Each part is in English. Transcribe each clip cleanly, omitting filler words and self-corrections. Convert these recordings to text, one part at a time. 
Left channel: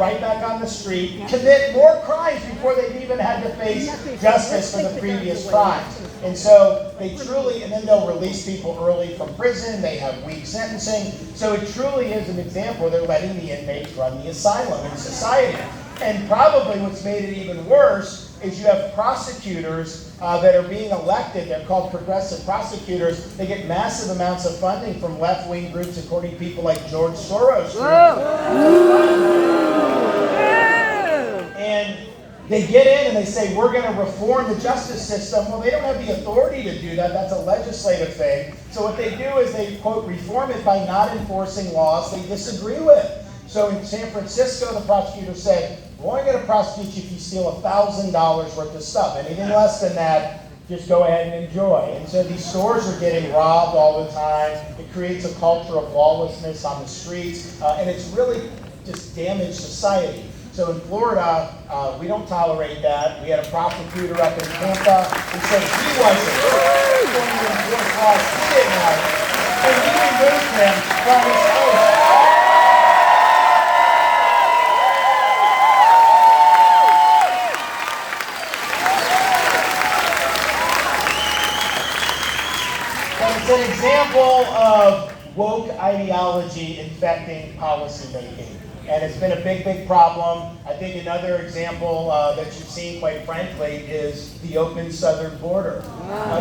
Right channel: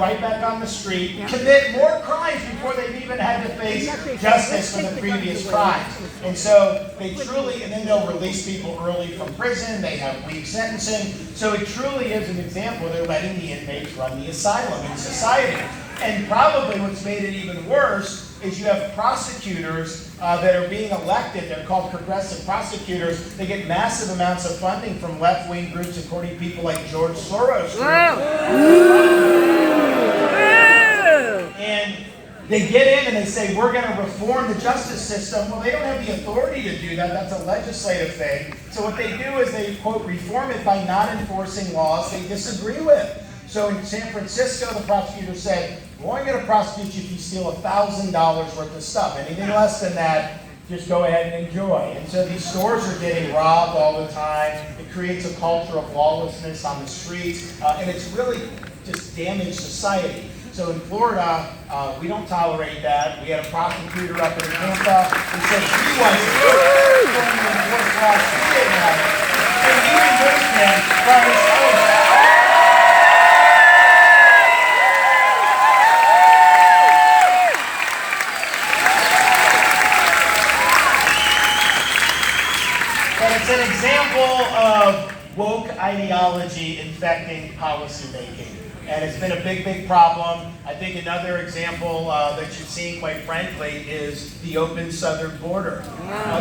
right back on the street, commit more crimes before they've even had to face justice for the previous crimes. And so they truly, and then they'll release people early from prison, they have weak sentencing. So it truly is an example where they're letting the inmates run the asylum in society. And probably what's made it even worse is you have prosecutors that are being elected. They're called progressive prosecutors. They get massive amounts of funding from left-wing groups, including people like George Soros. And they get in and they say, we're going to reform the justice system. Well, they don't have the authority to do that. That's a legislative thing. So what they do is they, quote, reform it by not enforcing laws they disagree with. So in San Francisco, the prosecutor said, we're only going to prosecute you if you steal $1,000 worth of stuff. Anything less than that, just go ahead and enjoy. And so these stores are getting robbed all the time. It creates a culture of lawlessness on the streets, and it's really just damaged society. So in Florida, we don't tolerate that. We had a prosecutor up in Tampa who said he wasn't going to enforce laws he didn't like, and we removed him from his post. It's an example of woke ideology infecting policymaking. And it's been a big, big problem. I think another example that you've seen, quite frankly, is the open southern border.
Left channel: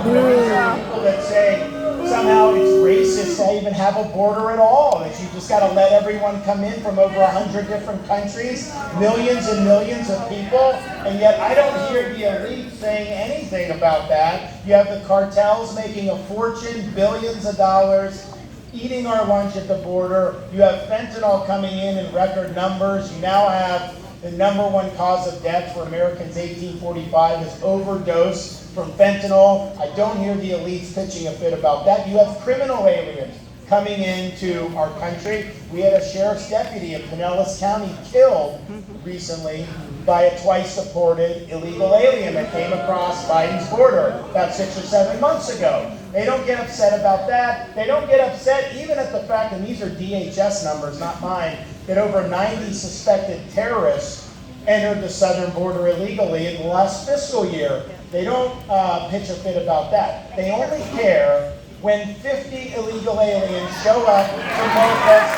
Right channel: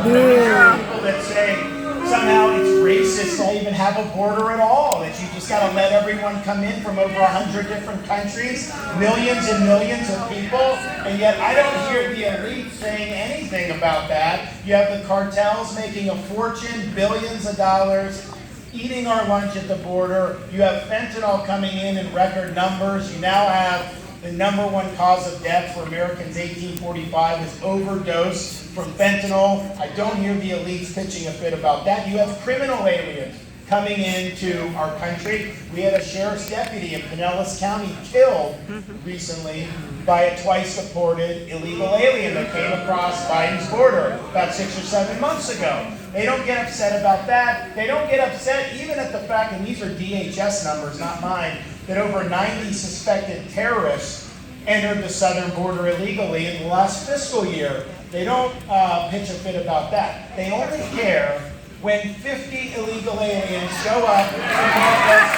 There are people that say somehow it's racist to even have a border at all, that you just got to let everyone come in from over 100 different countries, millions and millions of people, and yet I don't hear the elite saying anything about that. You have the cartels making a fortune, billions of dollars, eating our lunch at the border. You have fentanyl coming in record numbers. You now have the number one cause of death for Americans 1845 is overdose from fentanyl. I don't hear the elites pitching a fit about that. You have criminal aliens coming into our country. We had a sheriff's deputy in Pinellas County killed recently by a twice deported illegal alien that came across Biden's border about 6 or 7 months ago. They don't get upset about that. They don't get upset even at the fact, and these are DHS numbers, not mine, that over 90 suspected terrorists entered the southern border illegally in the last fiscal year. They don't pitch a fit about that. They only care when 50 illegal aliens show up to Northwest.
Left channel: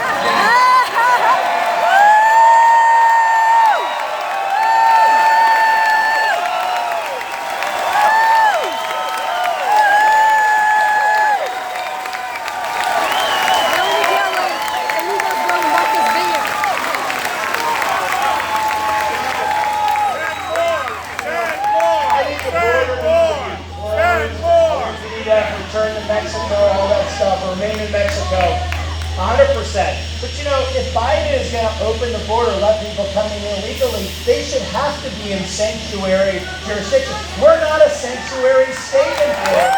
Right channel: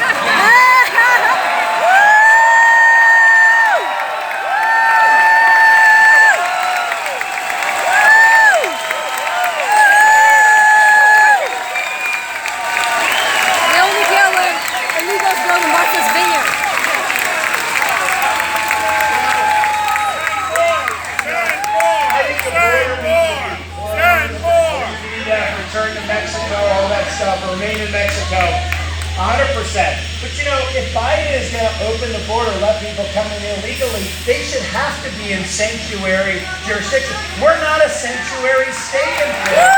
Return to Mexico, all that stuff, remain in Mexico, 100%. But you know, if Biden is going to open the border, let people come in illegally, they should have to be in sanctuary jurisdiction. We're not a sanctuary state in Florida.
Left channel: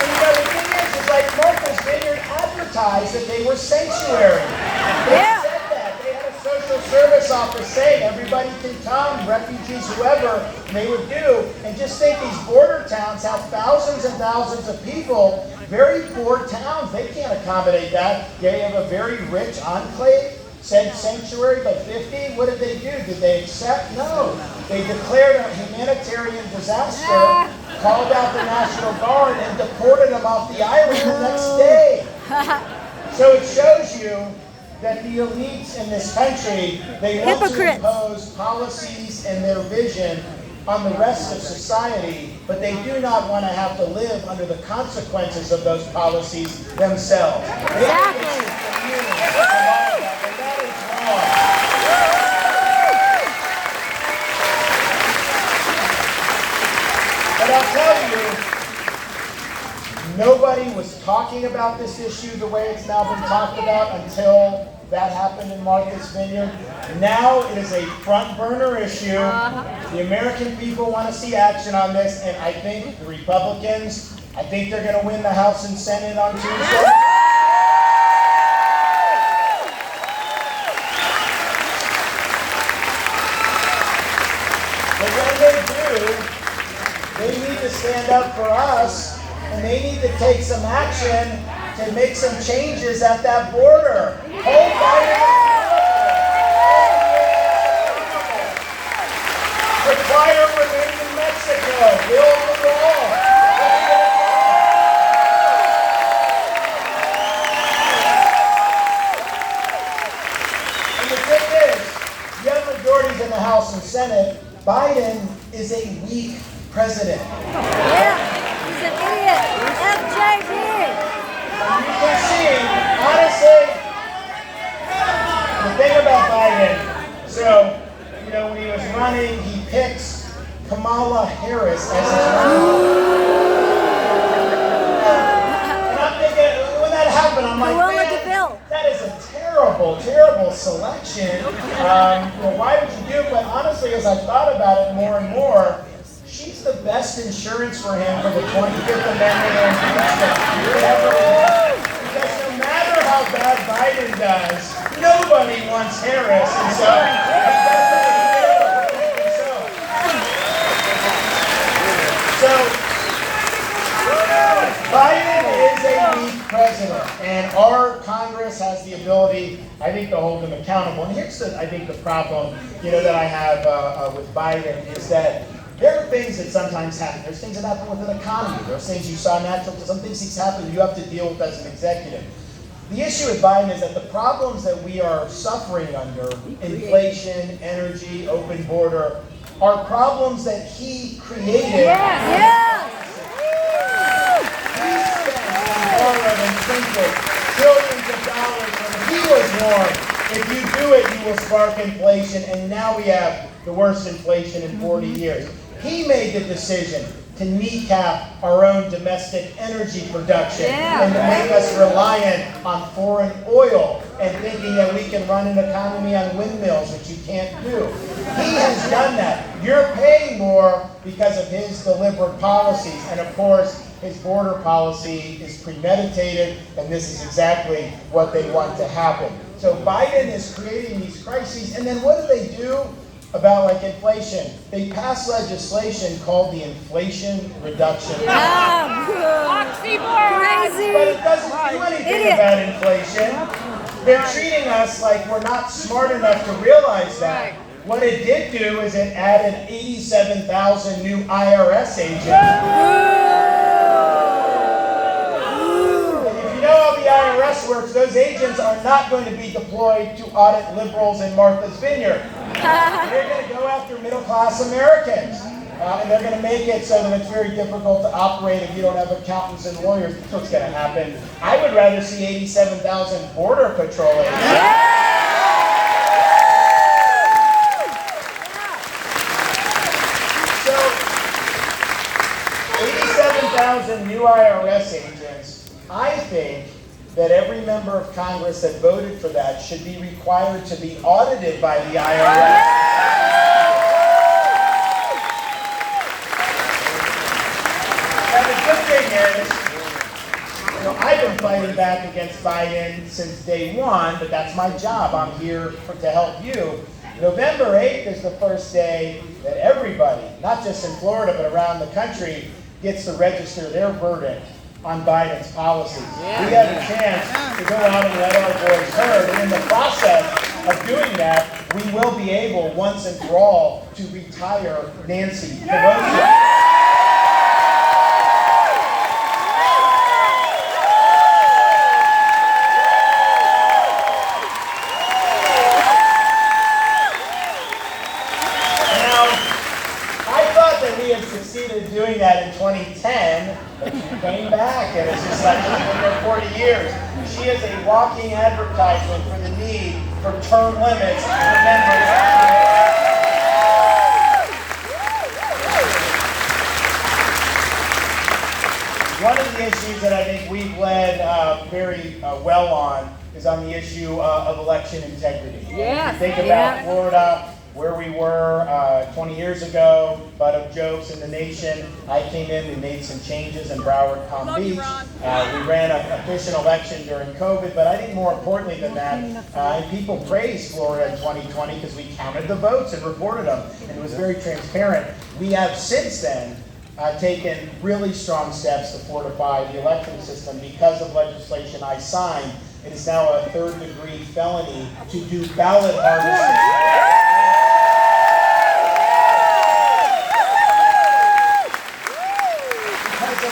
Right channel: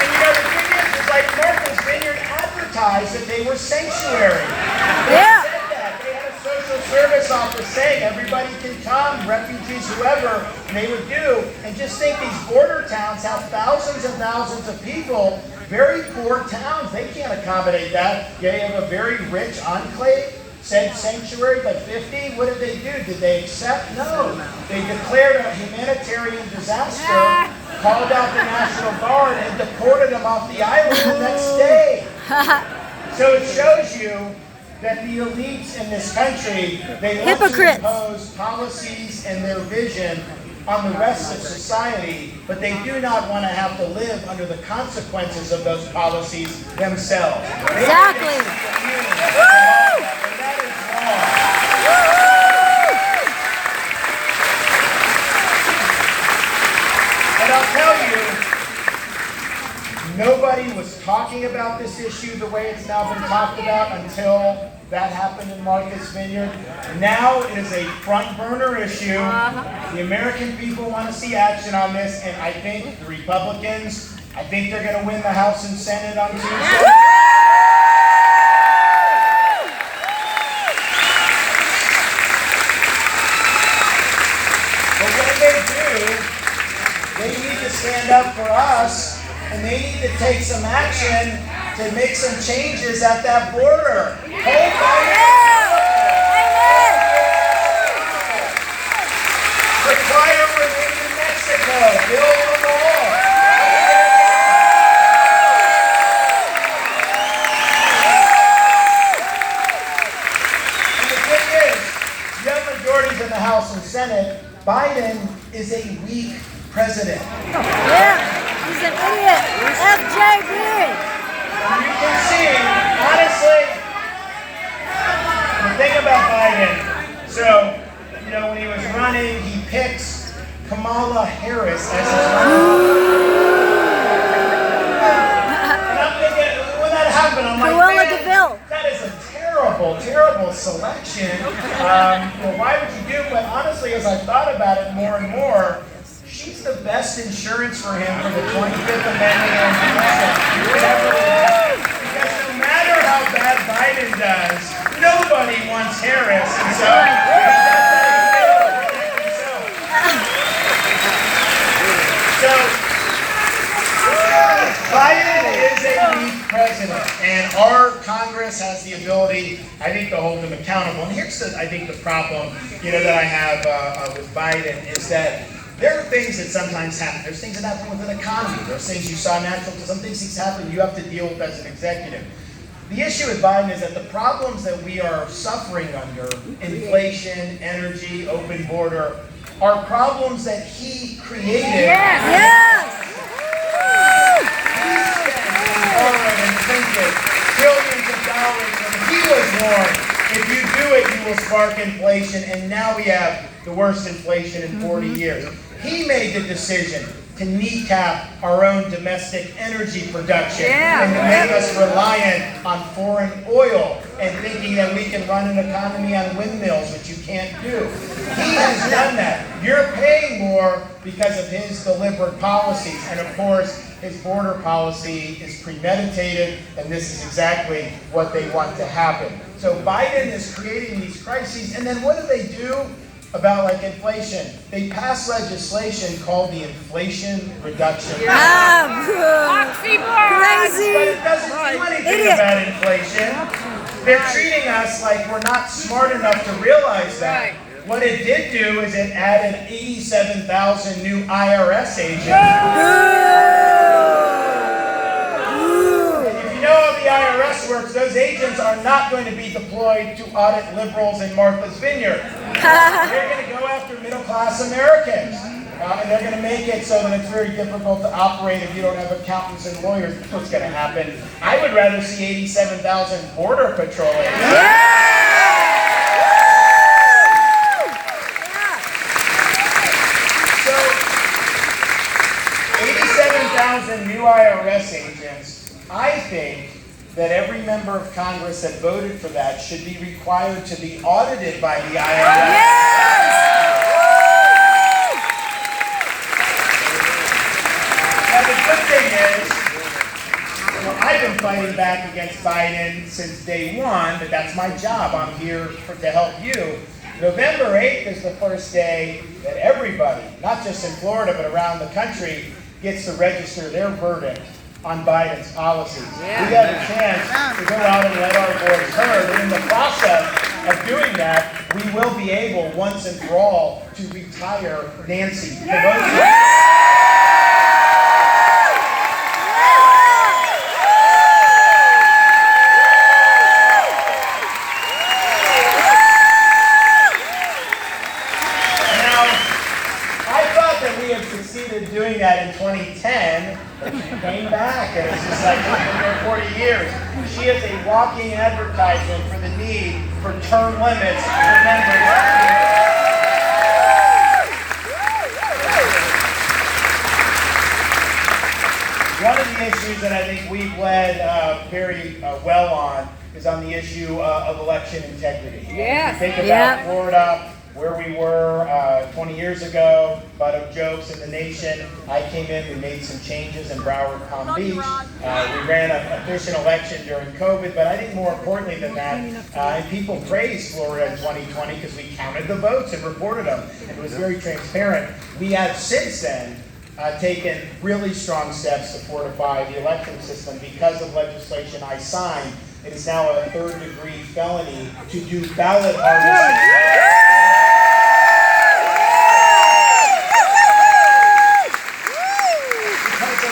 And you know, the thing is like Martha's Vineyard advertised that they were sanctuary. Social service office saying everybody can come, refugees, whoever, and they would do. And just think these border towns have thousands and thousands of people, very poor towns. They can't accommodate that. They have a very rich enclave, said sanctuary, like 50. What did they do? Did they accept? No. They declared a humanitarian disaster, called out the National Guard, and deported them off the island the next day. So it shows you that the elites in this country, they want to impose policies and their vision on the rest of society, but they do not want to have to live under the consequences of those policies themselves. Exactly. And that is wrong. But I'll tell you, nobody was talking about this issue the way it's now been talked about until that happened in Martha's Vineyard. Now it is a front burner issue. The American people want to see action on this, and I think the Republicans, I think they're going to win the House and Senate on Tuesday. But when they do, they need to stand up for us and they need to take some action to make some changes at that border. Hold Biden accountable. Require remain in Mexico. Build the wall. And the thing is, you have majorities in the House and Senate. Biden is a weak president. Yeah, he's an idiot. FJB. And you can see, honestly, the thing about Biden, so, when he was running, he picks Kamala Harris as his running. And I'm thinking, when that happened, I'm like, man, that is a terrible, terrible selection. Why would you do? But honestly, as I thought about it more and more, she's the best insurance for him for the 25th Amendment and impeachment ever. Because no matter how bad Biden does, nobody wants Harris. And so he does that himself. So Biden is a weak president, and our Congress has the ability, I think, to hold him accountable. And here's, I think, the problem, that I have with Biden is that there are things that sometimes happen. There's things that happen with an economy. There's things you saw natural. Some things happen you have to deal with as an executive. The issue with Biden is that the problems that we are suffering under, inflation, energy, open border, are problems that he created. Yes. He spent and borrowed and printed trillions of dollars when he was warned. If you do it, you will spark inflation. And now we have the worst inflation in 40 years. He made the decision to kneecap our own domestic energy production and to make us reliant on foreign oil and thinking that we can run an economy on windmills, which you can't do. He has done that. You're paying more because of his deliberate policies. And of course, his border policy is premeditated, and this is exactly what they want to happen. So Biden is creating these crises, and then what do they do about inflation? They pass legislation called the Inflation Reduction Act. But it doesn't do anything about inflation. They're treating us like we're not smart enough to realize that. What it did do is it added 87,000 new IRS agents. And if you know how the IRS works, those agents are not going to be deployed to audit liberals in Martha's Vineyard. They're going to go after middle-class Americans. And they're going to make it so that it's very difficult to operate if you don't have accountants and lawyers. That's what's going to happen. I would rather see 87,000 Border Patrol agents. So, 87,000 new IRS agents. I think that every member of Congress that voted for that should be required to be audited by the IRS. Now the good thing is, I've been fighting back against Biden since day one, but that's my job. I'm here to help you. November 8th is the first day that everybody, not just in Florida, but around the country, gets to register their verdict on Biden's policies. We had a chance to go out and let our voice heard, and in the process of doing that, we will be able, once and for all, to retire Nancy Pelosi. Succeeded doing that in 2010, but she came back, and it's just like she's been there 40 years. She is a walking advertisement for the need for term limits for members. One of the issues that I think we've led very well on is on the issue of election integrity. If you think about Florida, where we were 20 years ago, butt of jokes in the nation. I came in, we made some changes in Broward, Palm Beach. We ran an efficient election during COVID, but I think more importantly than that, and people praised Florida in 2020 because we counted the votes and reported them, and it was very transparent. We have since then taken really strong steps to fortify the election system. Because of legislation I signed, it is now a third-degree felony to do ballot harvesting.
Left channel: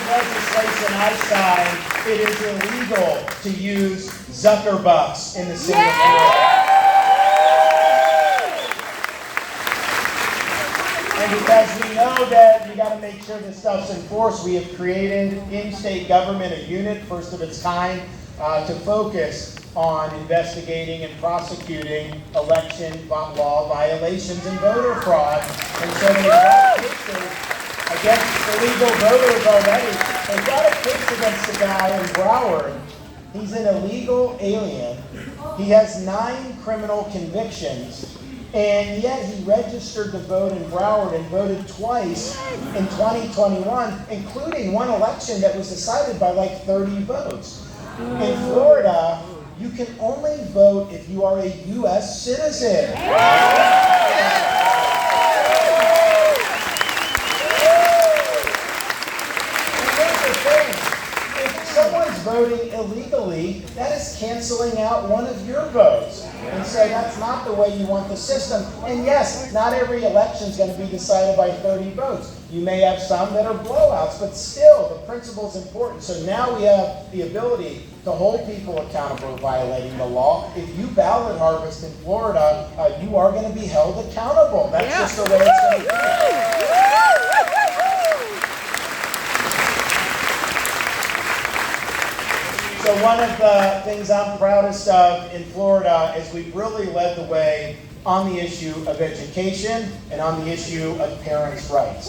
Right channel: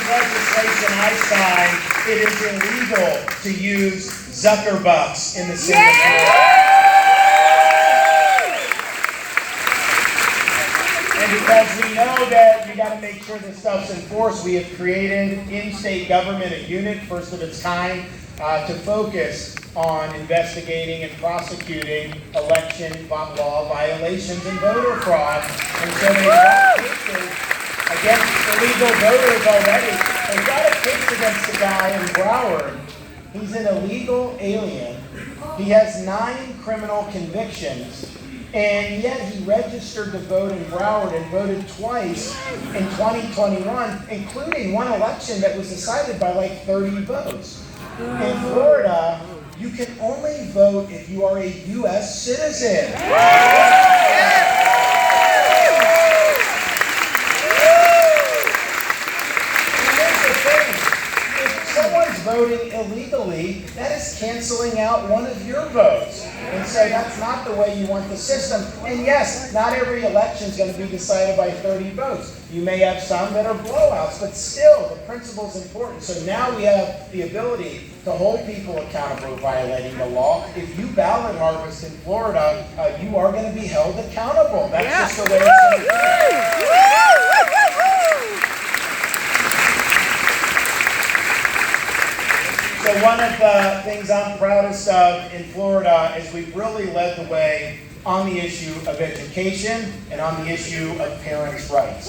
Legislation I signed, it is illegal to use Zuckerbucks in the city of Florida. And because we know that you got to make sure this stuff's enforced, we have created in state government a unit, first of its kind, to focus on investigating and prosecuting election law violations and voter fraud. And so they've got cases against illegal voters already. They've got a case against the guy in Broward. He's an illegal alien. He has 9 criminal convictions, and yet he registered to vote in Broward and voted twice in 2021, including one election that was decided by like 30 votes. In Florida, you can only vote if you are a U.S. citizen. Someone's voting illegally, that is canceling out one of your votes. And so that's not the way you want the system. And yes, not every election is going to be decided by 30 votes. You may have some that are blowouts, but still, the principle is important. So now we have the ability to hold people accountable for violating the law. If you ballot harvest in Florida, you are going to be held accountable. That's just the way it's going to be. So one of the things I'm proudest of in Florida is we've really led the way on the issue of education and on the issue of parents' rights.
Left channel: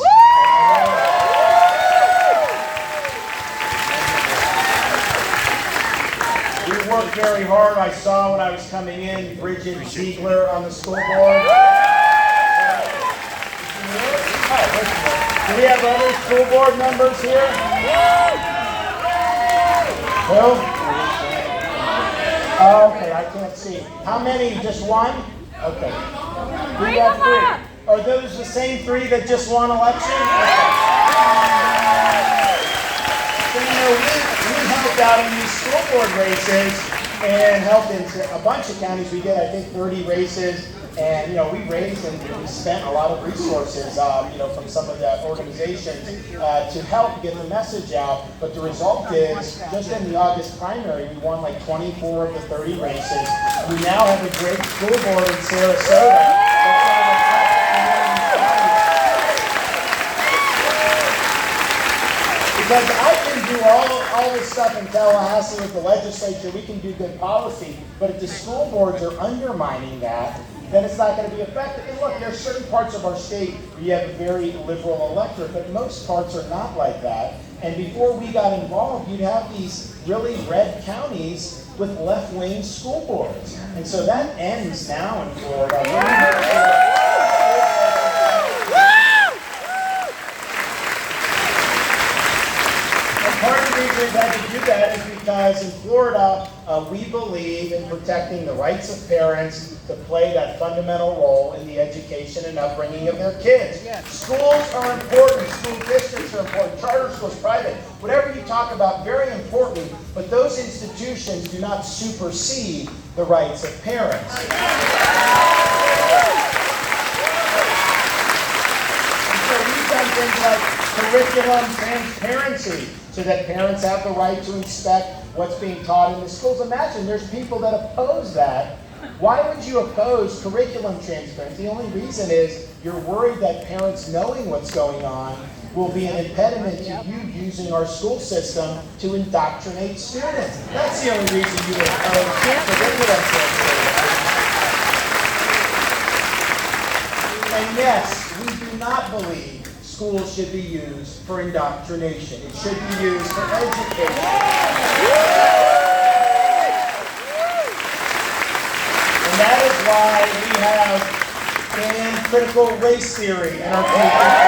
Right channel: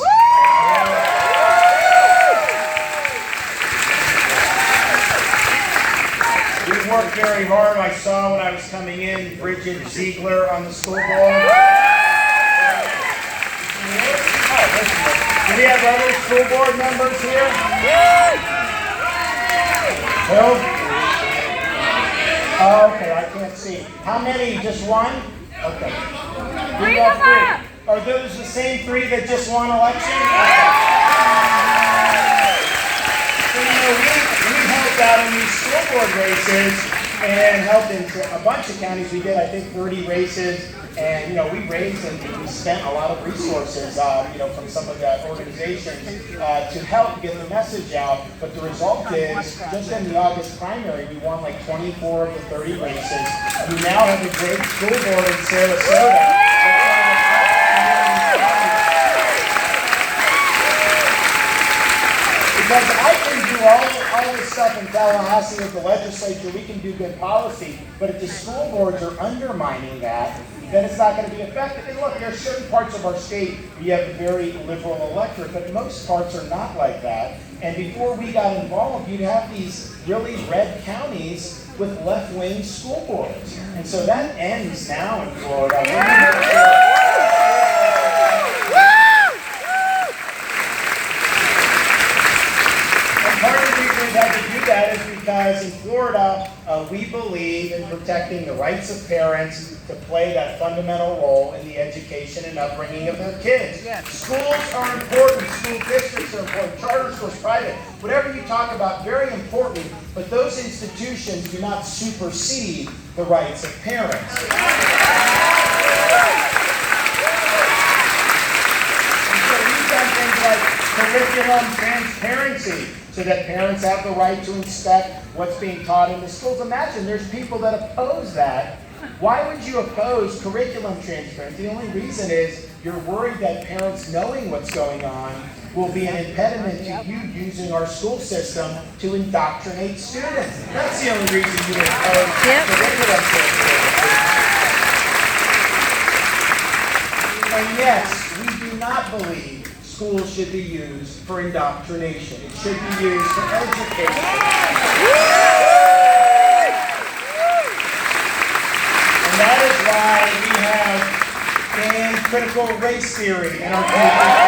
We worked very hard. I saw when I was coming in, Bridget Ziegler on the school board. Do we have other school board members here? Who? Oh, okay, I can't see. How many? Just one? Okay. We have 3. Are those the same 3 that just won election? Okay. So, we helped out in these school board races and helped in a bunch of counties. We did, I think, 30 races. And, we raised and we spent a lot of resources, from some of the organizations to help get the message out. But the result is, just in the August primary, we won like 24 of the 30 races. We now have a great school board in Sarasota. Because I can do all this stuff in Tallahassee with the legislature, we can do good policy, but if the school boards are undermining that, then it's not going to be effective. And look, there are certain parts of our state where you have a very liberal electorate, but most parts are not like that. And before we got involved, you'd have these really red counties with left-wing school boards. And so that ends now in Florida. Part of the reason we've had to do that is because in Florida, we believe in protecting the rights of parents to play that fundamental role in the education and upbringing of their kids. Schools are important, school districts are important, charter schools, private, whatever you talk about, very important, but those institutions do not supersede the rights of parents. And so we've done things like curriculum transparency, so that parents have the right to inspect what's being taught in the schools. Imagine there's people that oppose that. Why would you oppose curriculum transparency? The only reason is you're worried that parents knowing what's going on will be an impediment to you using our school system to indoctrinate students. That's the only reason you oppose curriculum transparency. And yes, we do not believe schools should be used for indoctrination. It should be used for education. And that is why we have banned critical race theory in our curriculum.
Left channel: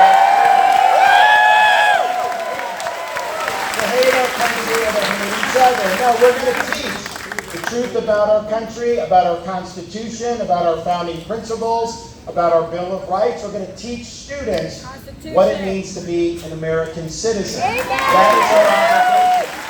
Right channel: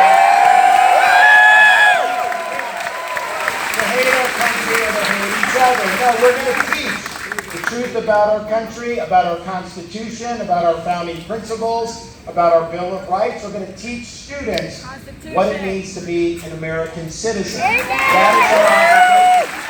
To hate our country or to hate each other. No, we're going to teach the truth about our country, about our Constitution, about our founding principles. about our Bill of Rights. We're going to teach students what it means to be an American citizen. That is our obligation.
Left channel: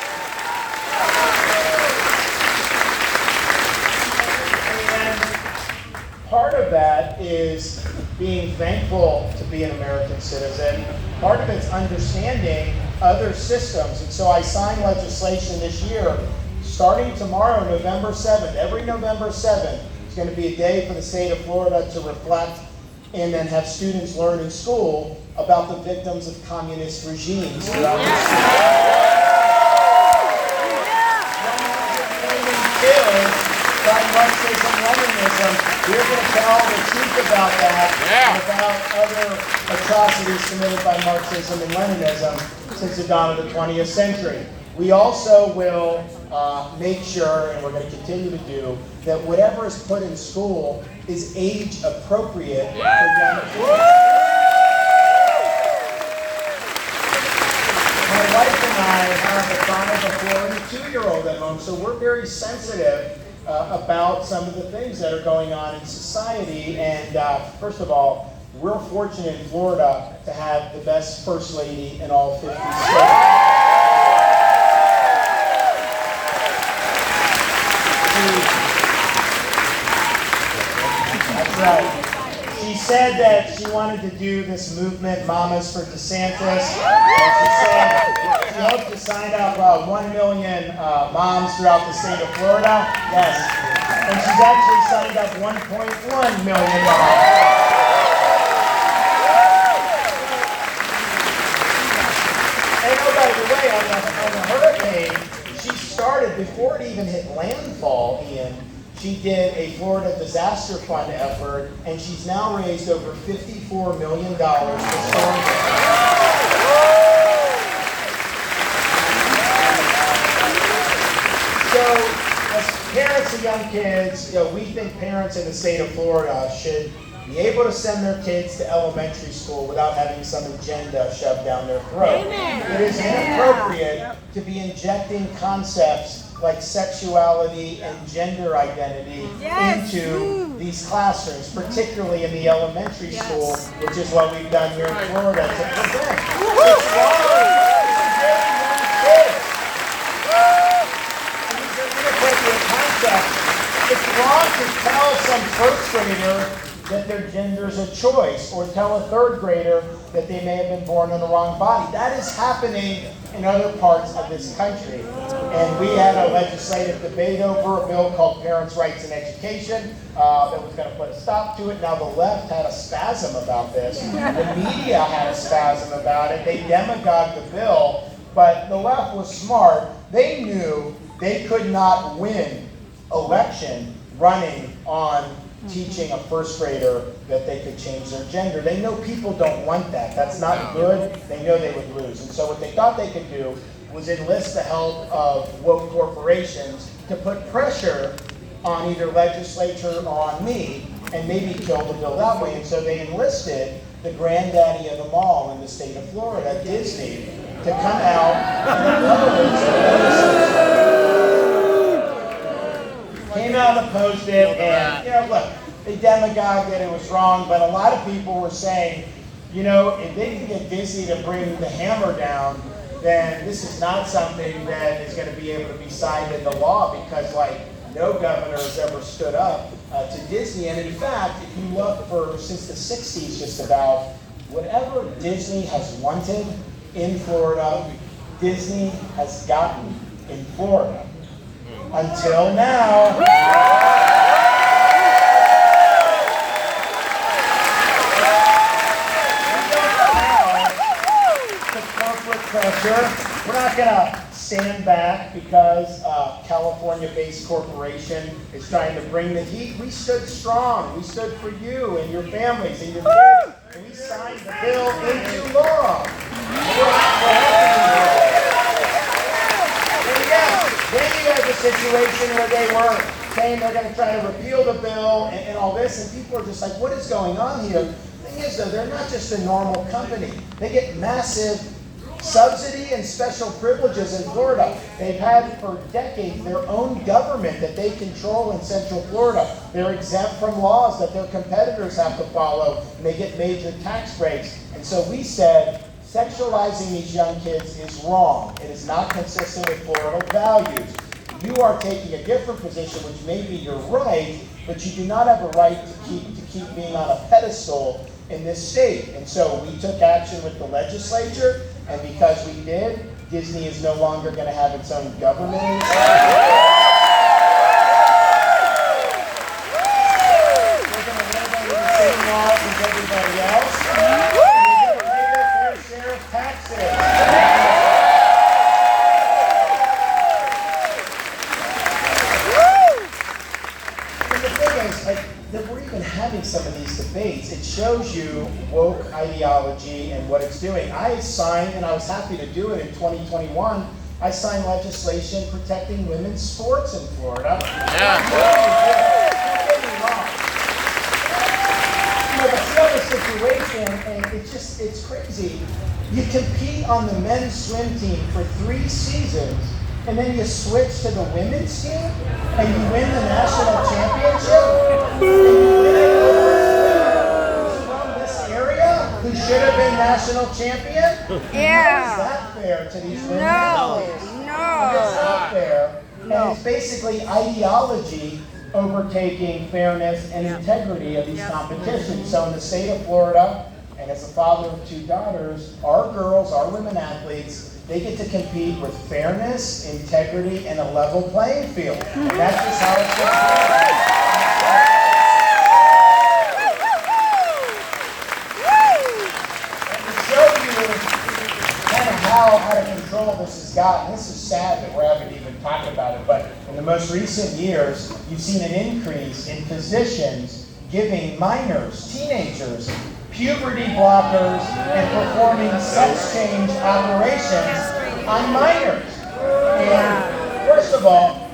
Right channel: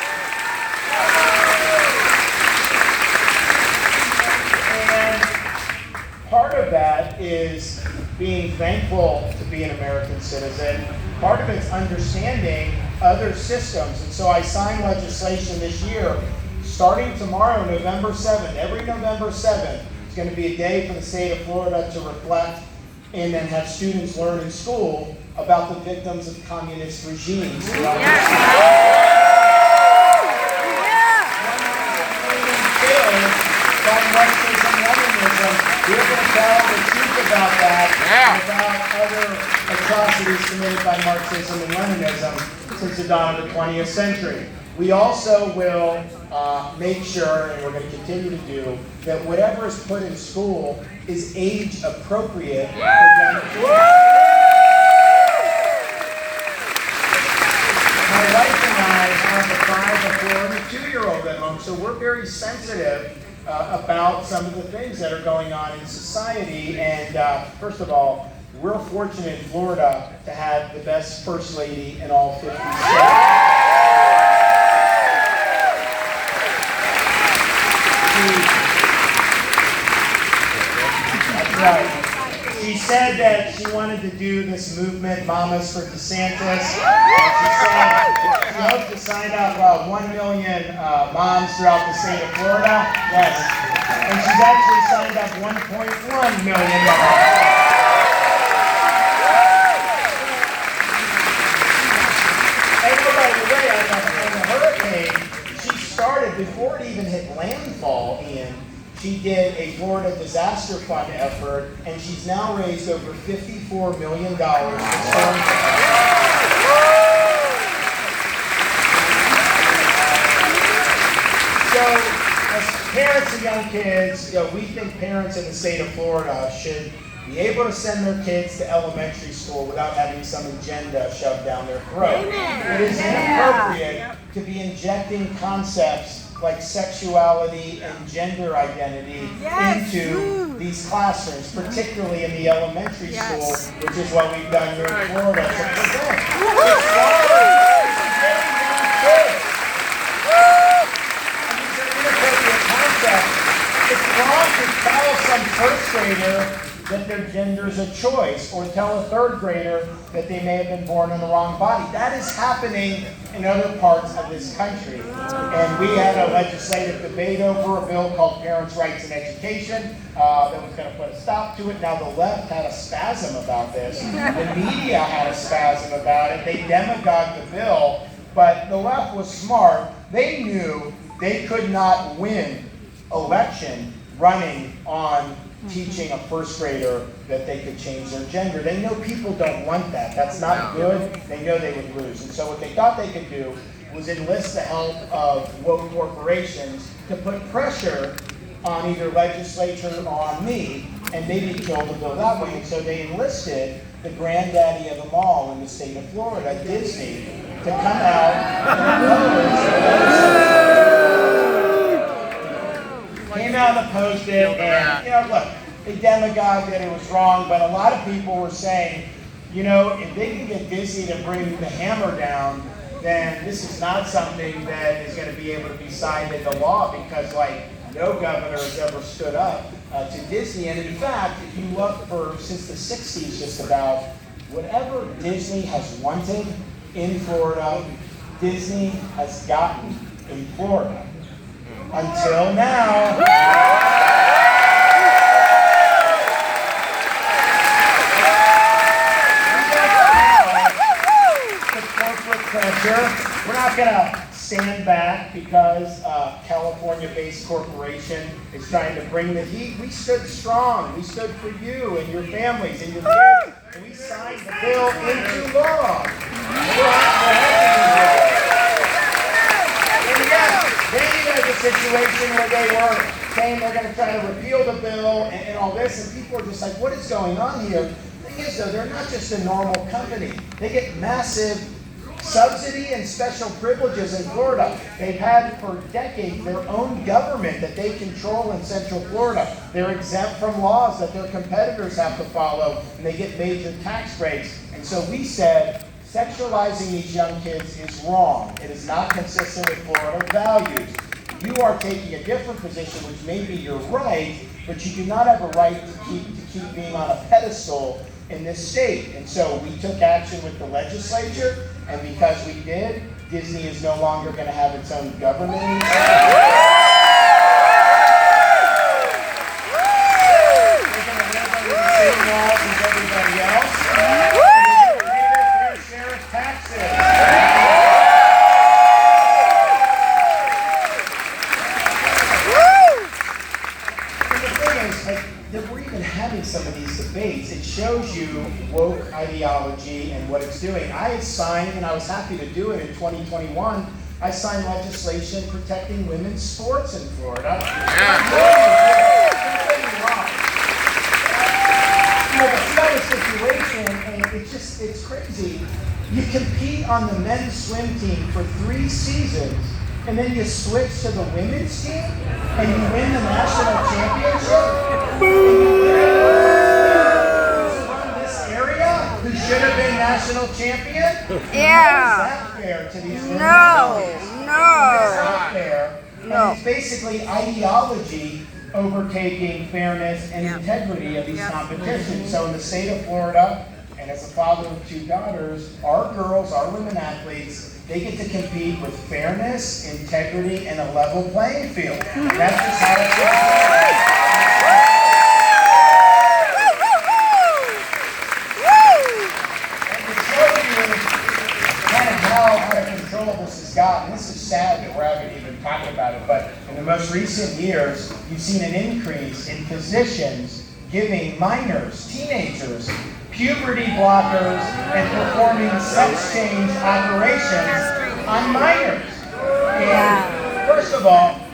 Part of that is being thankful to be an American citizen. Part of it's understanding other systems. And so I signed legislation this year, starting tomorrow, November 7th. Every November 7th is going to be a day for the state of Florida to reflect and then have students learn in school about the victims of communist regimes throughout the by Marxism, Leninism. We're going to tell the truth about that and about other atrocities committed by Marxism and Leninism since the dawn of the 20th century. We also will make sure, and we're going to continue to do, that whatever is put in school is age appropriate for young kids. My wife and I have a 5, a 4, and a 2-year-old at home, so we're very sensitive about some of the things that are going on in society. And first of all, we're fortunate in Florida to have the best First Lady in all 50 states. That's right. She said that she wanted to do this movement, Mamas for DeSantis. She said she hoped to sign up 1 million moms throughout the state of Florida. Yes. And she's actually signed up 1.1 million moms. And oh, by the way, on the hurricane, she started, before it even hit landfall, Ian, she did a Florida Disaster Fund effort, and she's now raised over $54 million for storm damage. So, as parents of young kids, we think parents in the state of Florida should be able to send their kids to elementary school without having some agenda shoved down their throat. It is inappropriate to be injecting concepts like sexuality and gender identity into these classrooms, particularly in the elementary school, which is what we've done here in Florida to prevent. It's wrong. These are inappropriate concepts. It's wrong to tell some first grader that their gender is a choice, or tell a third grader that they may have been born in the wrong body. That is happening in other parts of this country. And we had a legislative debate over a bill called Parents' Rights in Education that was going to put a stop to it. Now the left had a spasm about this. The media had a spasm about it. They demagogued the bill, but the left was smart. They knew they could not win election running on teaching a first grader that they could change their gender. They know people don't want that. That's not good. They know they would lose. And so what they thought they could do was enlist the help of woke corporations to put pressure on either legislature or on me and maybe kill the bill that way. And so they enlisted the granddaddy of them all in the state of Florida, Disney, to come out and oppose. Came out and opposed it, and look, they demagogued that it was wrong, but a lot of people were saying, if they can get Disney to bring the hammer down, then this is not something that is going to be able to be signed into law, because no governor has ever stood up to Disney. And in fact, if you look since the 60s just about, whatever Disney has wanted in Florida, Disney has gotten in Florida. Until now. The corporate pressure. We're not going to stand back because a California-based corporation is trying to bring the heat. We stood strong. We stood for you and your families and your kids. And we signed the bill into law. Then you had the situation where they were saying they're going to try to repeal the bill and all this, and people are just like, what is going on here? The thing is, though, they're not just a normal company. They get massive Subsidy and special privileges in Florida. They've had for decades their own government that they control in Central Florida. They're exempt from laws that their competitors have to follow, and they get major tax breaks. And so we said, sexualizing these young kids is wrong. It is not consistent with Florida values. You are taking a different position, which maybe you're right, but you do not have a right to keep being on a pedestal in this state. And so we took action with the legislature, and because we did, Disney is no longer going to have its own government anymore. They're going to live under the same laws as everybody else. And they're going to pay their fair share of taxes. That we're even having some of these debates, it shows you woke ideology and what it's doing. I signed, and I was happy to do it in 2021, I signed legislation protecting women's sports in Florida. Yeah. Don't get me wrong. You know, but you have a situation, and it's crazy. You compete on the men's swim team for 3 seasons, and then you switch to the women's team, and you win the national championship. Who's from this area who should have been national champion? Yeah. How is that fair to these women? No. It's not fair. And it's basically ideology overtaking fairness and integrity of these competitions. So in the state of Florida, and as a father of 2 daughters, our girls, our women athletes, they get to compete with fairness, integrity, and a level playing field. And that's just how it's going. And to show you kind of how out of control this has gotten, this is sad that we haven't even talked about it, but in the most recent years, you've seen an increase in physicians giving minors, teenagers, puberty blockers, and performing sex change operations on minors. And first of all,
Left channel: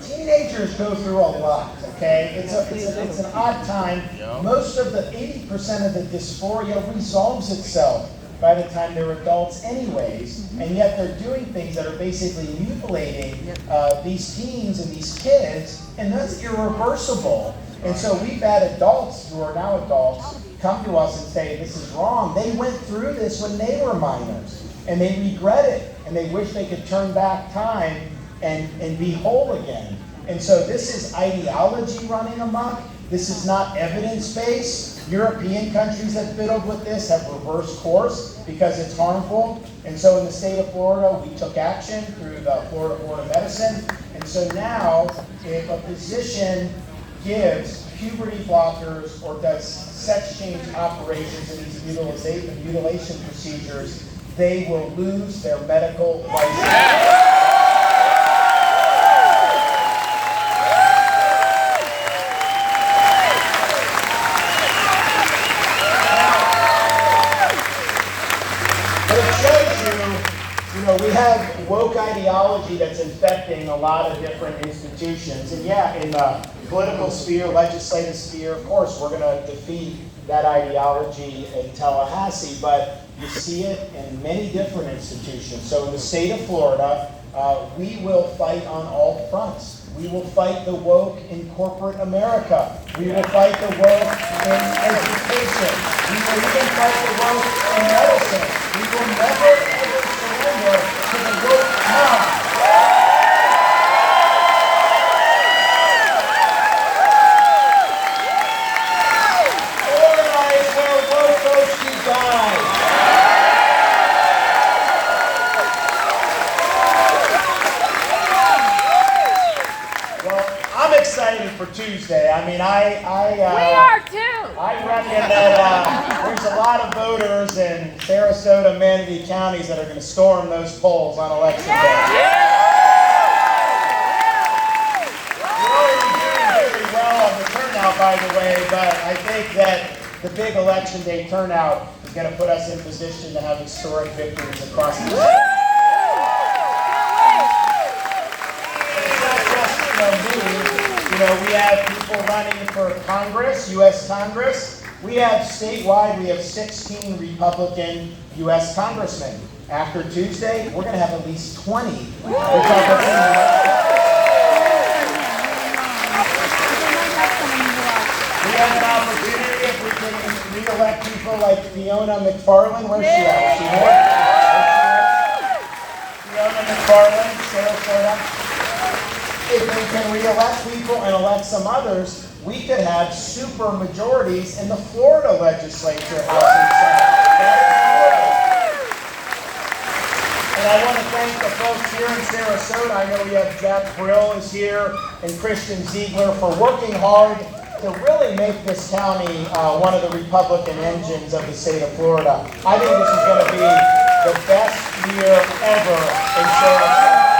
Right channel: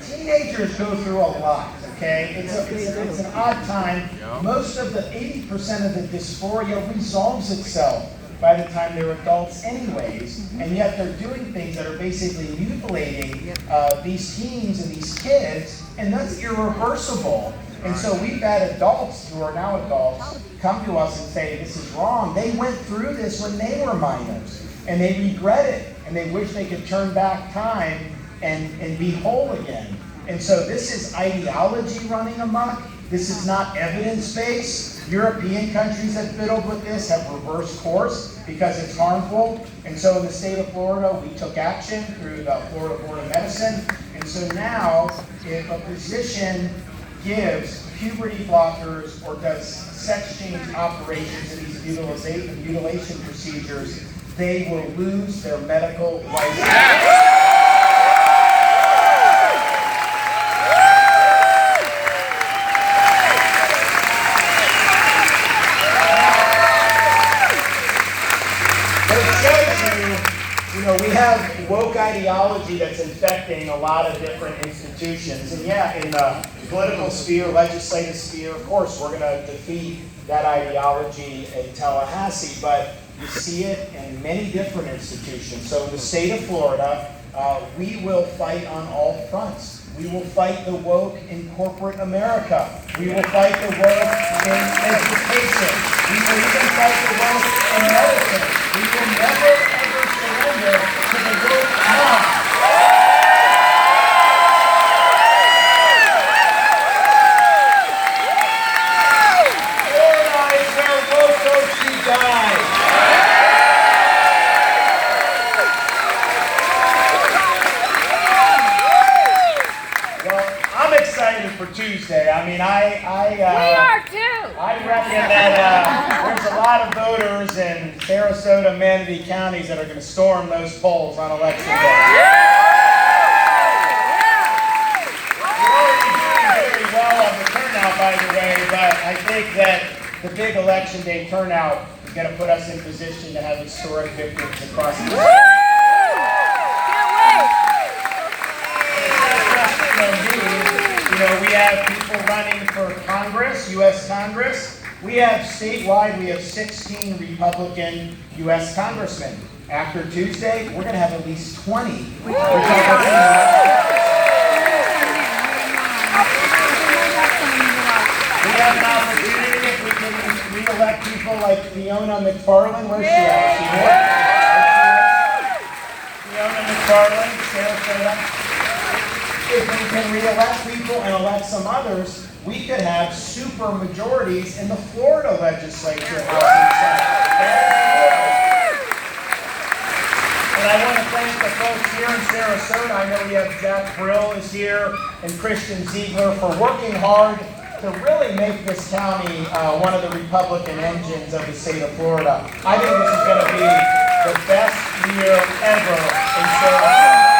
teenagers go through a lot, okay? It's an odd time. Most of the 80% of the dysphoria resolves itself by the time they're adults anyways, and yet they're doing things that are basically mutilating these teens and these kids, and that's irreversible. And so we've had adults who are now adults come to us and say, this is wrong. They went through this when they were minors, and they regret it, and they wish they could turn back time and be whole again. And so this is ideology running amok. This is not evidence-based. European countries that fiddled with this have reversed course because it's harmful. And so in the state of Florida, we took action through the Florida Board of Medicine. And so now, if a physician gives puberty blockers or does sex change operations in these mutilation procedures, they will lose their medical license. We have woke ideology that's infecting a lot of different institutions. And yeah, in the political sphere, legislative sphere, of course, we're going to defeat that ideology in Tallahassee, but you see it in many different institutions. So in the state of Florida, we will fight on all fronts. We will fight the woke in corporate America. We will fight the woke in education. We will even fight the woke in medicine. We will never, ever surrender to the woke mob. Organize where woke folks reside. I'm excited for Tuesday. I mean, we are too. I reckon that there's a lot of voters in Sarasota, Manatee counties that are going to storm those polls on election day. We're already doing very well on the turnout, by the way, but I think that the big election day turnout is going to put us in position to have historic victories across the country. We have people running for Congress, U.S. Congress. We have statewide, we have 16 Republican U.S. congressmen. After Tuesday, we're going to have at least 20 Republicans. We have an opportunity if we can re-elect people like Fiona McFarland. Where's she at? Is she here? Fiona McFarland, Sarasota. If we can re-elect people and elect some others, we could have super majorities in the Florida legislature, House and Senate. And I want to thank the folks here in Sarasota. I know we have Jack Brill is here and Christian Ziegler for working hard to really make this county one of the Republican engines of the state of Florida. I think this is going to be the best year ever in Sarasota.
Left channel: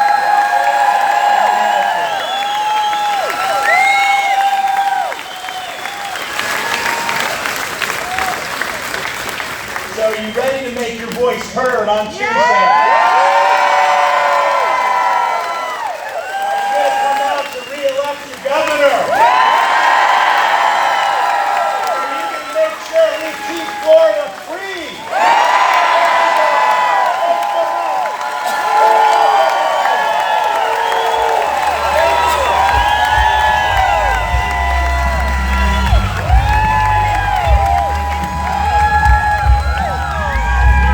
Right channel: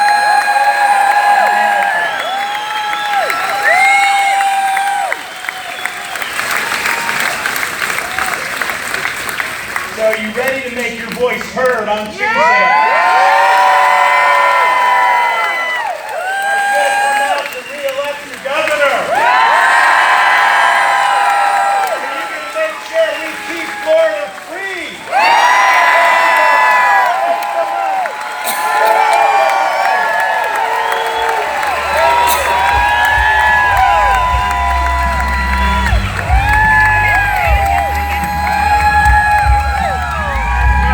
So are you ready to make your voice heard on Tuesday?